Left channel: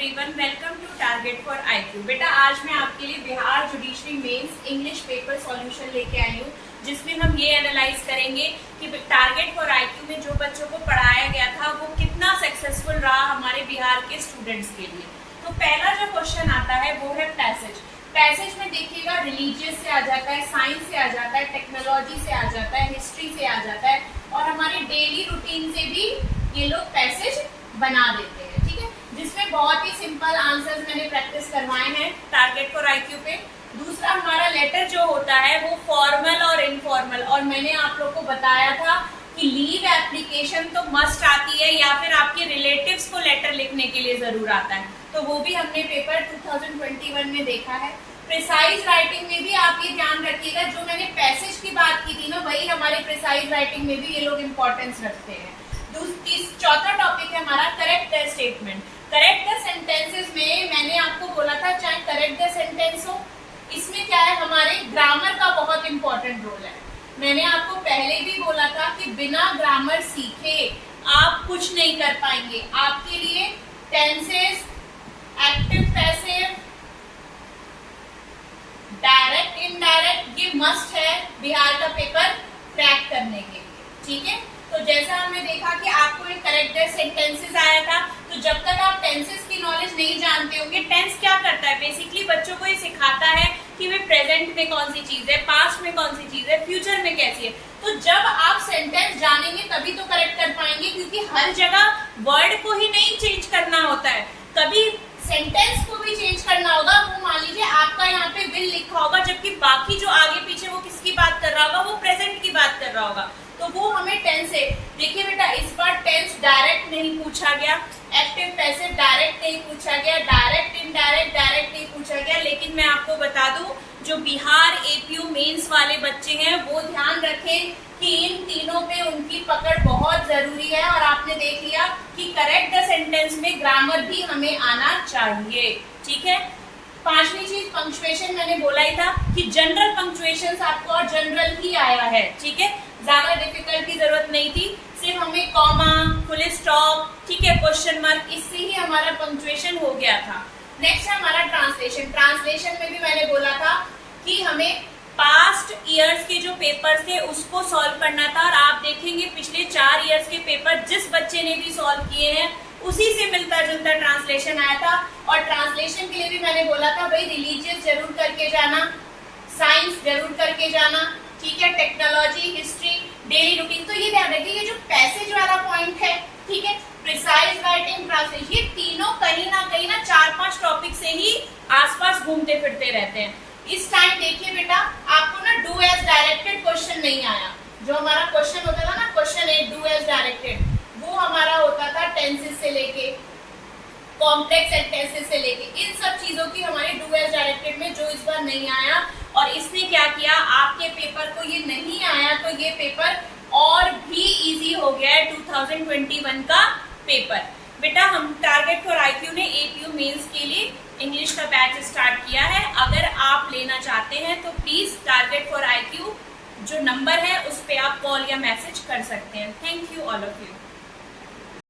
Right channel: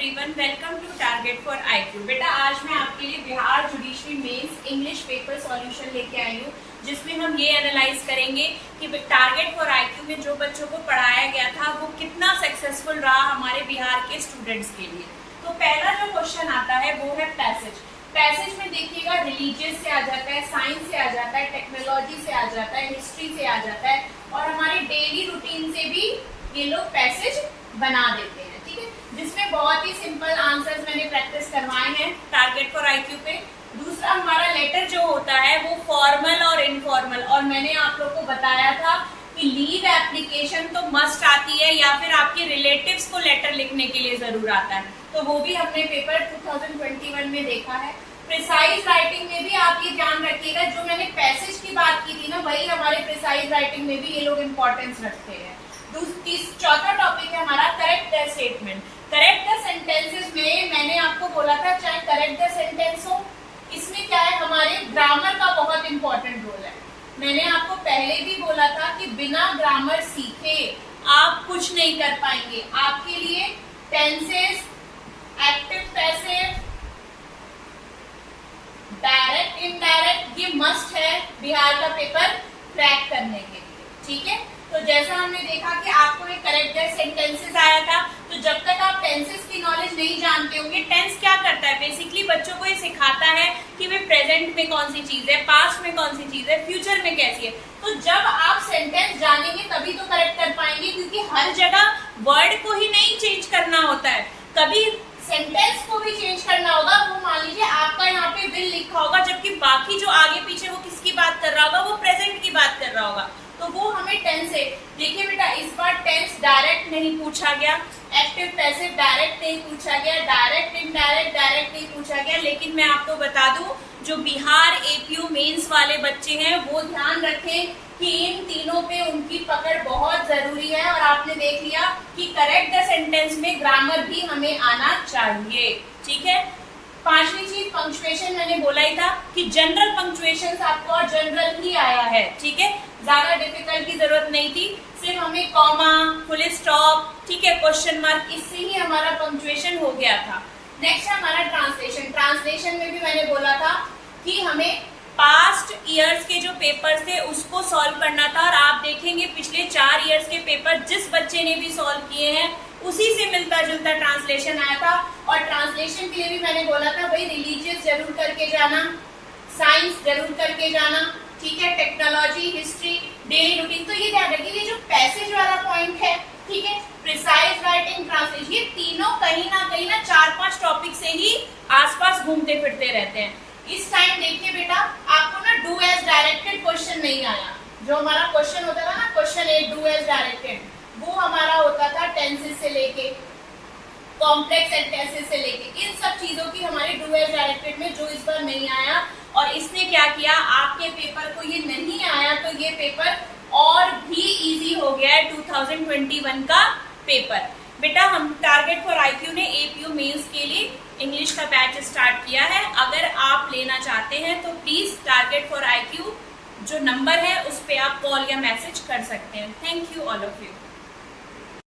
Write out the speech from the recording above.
Everyone, welcome to target for IQ. बेटा आज मैं आपके लिए Bihar judiciary mains English paper solution लेके आई हूँ, जिसमें हम ये एनालाइज करेंगे कि टारगेट फॉर आईक्यू में जो बच्चों को पढ़ाया गया था वो कितना सक्सेसफुल रहा हमारे बिहार के स्टूडेंट्स के लिए। तो पहला जो क्वेश्चन आता है वो है पैसेज। पैसेज में देखिएगा रिलीजियस से आ जाता है, साइंस से आ जाता है, टेक्नोलॉजी से आ जाता है, हिस्ट्री से आ जाता है और हमारे डेली रूटीन से भी ये लोग पैसेज बना देते हैं। ठीक है, जिसमें बहुत ही सिंपल आंसर्स मैंने प्रैक्टिस करवाए हैं टारगेट फॉर आईक्यू पे। दूसरा हमारा लेटर जो होता है वो फॉर्मल और इनफॉर्मल, और मैंने आप लोग को बताया था कि लीव एप्लीकेशन तो मस्ट आती है या फिर आपके रिलेटिव्स को लेटर लिखने के लिए जरूर आता है, तो वो भी हमने पेपर 2021 में देखा है। प्रिसाइज राइटिंग में भी आप ये ध्यान रखिएगा, जो मैंने पैसेज की बात की थी ना, वही हमारे प्रिसाइज राइटिंग में भी ये लोग इंपॉर्टेंस रखते हैं। चौथा टॉपिक है हमारा correct the statement. Correct the sentences में मैंने आपको बोला था चाहे करेक्ट द सेंटेंस हो, इसमें क्या है हमारे ग्रामर का बहुत इंपॉर्टेंट रोल है। मैंने आपको पहले भी बोला था कि बिना ग्रामर सीखे आप कुछ नहीं कर पाएंगे। आपके लिए tenses, active passive, direct indirect ये मस्ट है बिहार का पेपर क्रैक करने के लिए। ठीक है, तो जैसा हमने देखा कि आपको एक करेक्ट सेंटेंसेस आया था, तो जब तक आप टेंसेस की नॉलेज नहीं जानते होंगे, टेंस क्या करता है बेसिकली बच्चों को ये सिखाता है कि वे प्रेजेंट में कौन सी चीज है, पास्ट में कौन सी चीज है, फ्यूचर में कैसी है। तो जब आप सेंटेंस जानेंगे तभी तो करेक्ट कर पाएंगे, क्योंकि हर जगह वर्ड को ही नहीं चेंज करना होता है, कभी सेंटेंस को भी चेंज करना होगा। वो मान लीजिए आपका यहाँ पे विल लिखा होगा, जबकि बाकी जो आगे पीछे वो किसकी बात कर रहा होगा, वो प्रेजेंट की बात कर रहा होगा, तो वो हमें टेंस है। देखिए बेटा इस बार टेंस डायरेक्ट नहीं पूछा गया, एक्टिव पैसिव डायरेक्ट नहीं पूछा गया, डायरेक्ट इनडायरेक्ट डायरेक्ट नहीं पूछा गया। लेकिन मैं आपको बता दूं, जो बिहार एपीयू मेंस वाले बच्चे हैं वो ध्यान रखें कि इन तीनों पे उनकी पकड़ बहुत जरूरी है। और आपने देख लिया कि करेक्ट द सेंटेंस में ग्रामर भी हमें आना चाहिए। ठीक है, पांचवी चीज पंक्चुएशन। मैंने बोला ही था कि जनरल पंक्चुएशन आपको और जनरल ही आया है। ठीक है, ज्यादा डिफिकल्ट की जरूरत नहीं थी, सिर्फ हमें कॉमा, फुल स्टॉप, ठीक है, क्वेश्चन मार्क, इससे ही हमारा पंक्चुएशन हो गया था। नेक्स्ट है हमारा ट्रांसलेशन। ट्रांसलेशन में भी मैंने बोला था कि हमें पास्ट ईयर्स के जो पेपर्स थे उसको सॉल्व करना था, और आप देखेंगे पिछले 4 ईयर्स के पेपर जिस बच्चे ने भी सॉल्व किए हैं उसी से मिलता जुलता ट्रांसलेशन आया था। और ट्रांसलेशन के लिए भी मैंने बोला था भाई रिलीजियस जरूर करके जाना, साइंस जरूर करके जाना, ठीक है, टेक्नोलॉजी, हिस्ट्री, डेली रूटीन। तो ये ध्यान रखिए, ये जो पैसेज वाला पॉइंट है, ठीक है, प्रिसाइज राइटिंग, ट्रांसलेशन, ये तीनों कहीं ना 4-5 टॉपिक से ही आसपास घूमते फिरते रहते हैं। इस टाइम देखिए बेटा आपको ना डू एज डायरेक्टेड क्वेश्चन नहीं आया। जो हमारा क्वेश्चन होता था ना, क्वेश्चन 8 डू एज डायरेक्टेड, वो हमारा होता था टेंसेस से लेके कॉम्प्लेक्स सेंटेंसेस से लेके, इन सब चीजों की हमारे डू एज डायरेक्टेड में जो इस बार नहीं आया। और इसने क्या किया, आपके पेपर को ये नहीं आया तो ये पेपर और भी इजी हो गया है 2021 का पेपर। बेटा हम टारगेट फॉर आईक्यू ने एपीयू मेंस के लिए इंग्लिश का बैच स्टार्ट किया है। अगर आप लेना चाहते हैं तो प्लीज टारगेट फॉर आईक्यू जो नंबर है उस पर आप कॉल या मैसेज कर सकते हैं। Thank you all of you.